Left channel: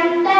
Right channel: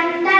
and then